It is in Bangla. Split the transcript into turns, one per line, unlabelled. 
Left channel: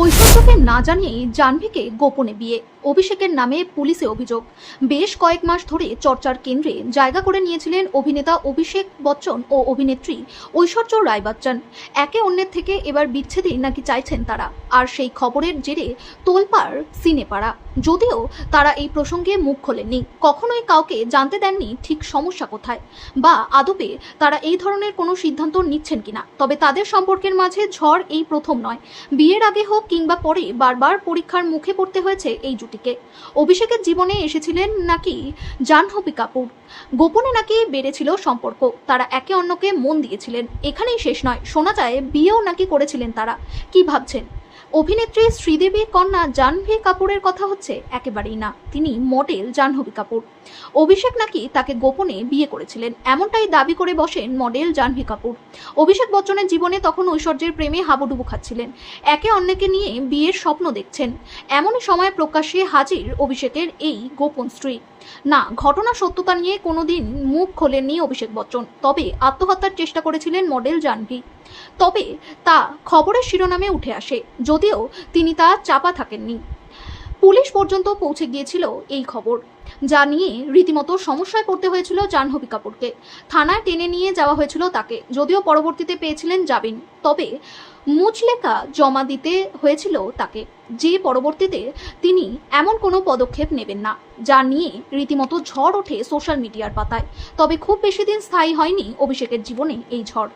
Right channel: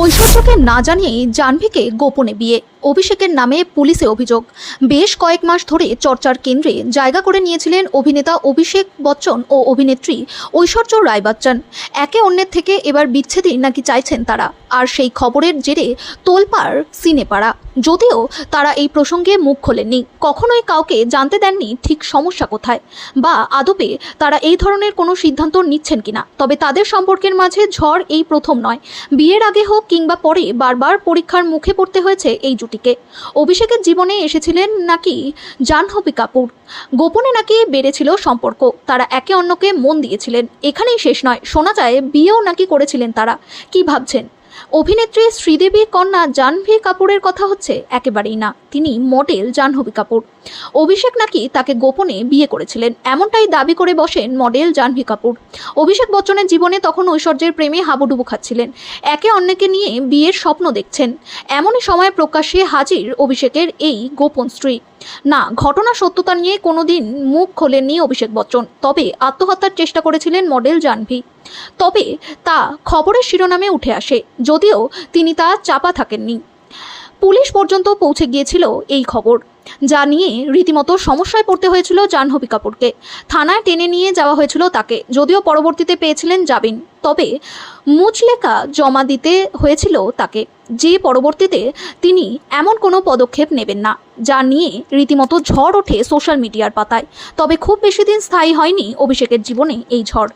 ঐশ্বর্যকে না জানিয়েই জাহ্নবীকে গোপনে বিয়ে। অভিষেকের নামে পুলিশে অভিযোগ। বেশ কয়েক মাস ধরে চর্চার কেন্দ্রে জায়গা করে নিয়েছিলেন অভিনেতা অভিষেক বচ্চন ও অভিনেত্রী ঐশ্বর্য রায় বচ্চন একে অন্যের থেকে এবার বিচ্ছেদই নাকি চাইছেন তারা। আর সেই খবরের জেরে তোলপাড় সিনেপাড়া। যদিও তারা এই প্রসঙ্গে মুখ খোলেননি, কখনোই কাউকে জানতে দেননি ঠিক সমস্যা কোথায়, বা আদপে তারা এই ধরনের কোনো সিদ্ধান্ত নিচ্ছেন কিনা। তবে তাদের সম্পর্কের মাঝে ঝড় এই প্রথম নয়। বিয়ের আগে হোক কিংবা পরে বারবার পরীক্ষার মুখে পড়তে হয়েছে এই জুটিকে। অভিষেকের জীবনে এসেছিলেন নাকি জাহ্নবী কাপুর। গোপনে নাকি বেড়েছিল সম্পর্ক। তারা একে অন্যকে মন দিয়েছিলেন। এখানেই শেষ নয়। শোনা যায়, বিয়েও নাকি করেছিলেন তারা। কি ভাবছেন? অভিনেত্রী শ্রীদেবীর কন্যা জাহ্নবী কাপুরের কথা হচ্ছে একেবারেই না। তিনি মডেল জাহ্নবী কাপুর। অভিষেক নাকি তাকে গোপনে বিয়ে করেছিলেন। এমনটাই দাবি করে বসেন মডেল জাহ্নবী কাপুর। অভিষেক বচ্চনের জীবনে তখন ঐশ্বর্যের প্রেমে হাবুডুবু খাচ্ছিলেন। একে অন্যকে নিয়ে বিয়ের স্বপ্ন দেখছেন। এমনই সময় প্রকাশ্যে হাজির অভিষেকের এই গোপন স্ত্রী। না, ঘটনা সত্যতা নিয়ে কোনোদিন মুখ খোলেননি অভিষেক বচ্চন। তবে আত্মহত্যার চেষ্টা করেছিলেন মডেল জাহ্নবী তবে তা খবরের শিরোনামে উঠে আসে, যদিও তিনি তা চাপা থাকেননি। পুলিশ পর্যন্ত পৌঁছে গিয়েছিল এই খবর, যা নিয়ে রীতিমতো সমস্যায় পড়তে হয়েছিল জাহ্নবী কাপুরকে। থানায় টেনে নিয়ে যাওয়া হয়েছিল তাকে, যদিও পরবর্তীতে পেয়েছিলেন জামিন তবে মুচলেকা জমা দিতে হয়েছিল তাকে, যে পরবর্তীতে তিনি এমন কোনো পদক্ষেপ নেবেন না, যা নিয়ে রীতিমতো ঝড় ওঠে সোশ্যাল মিডিয়ার পাতায়। তবে খুব বেশি দিন স্থায়ী হয়নি অভিষেকের জীবনে এই ঝড়।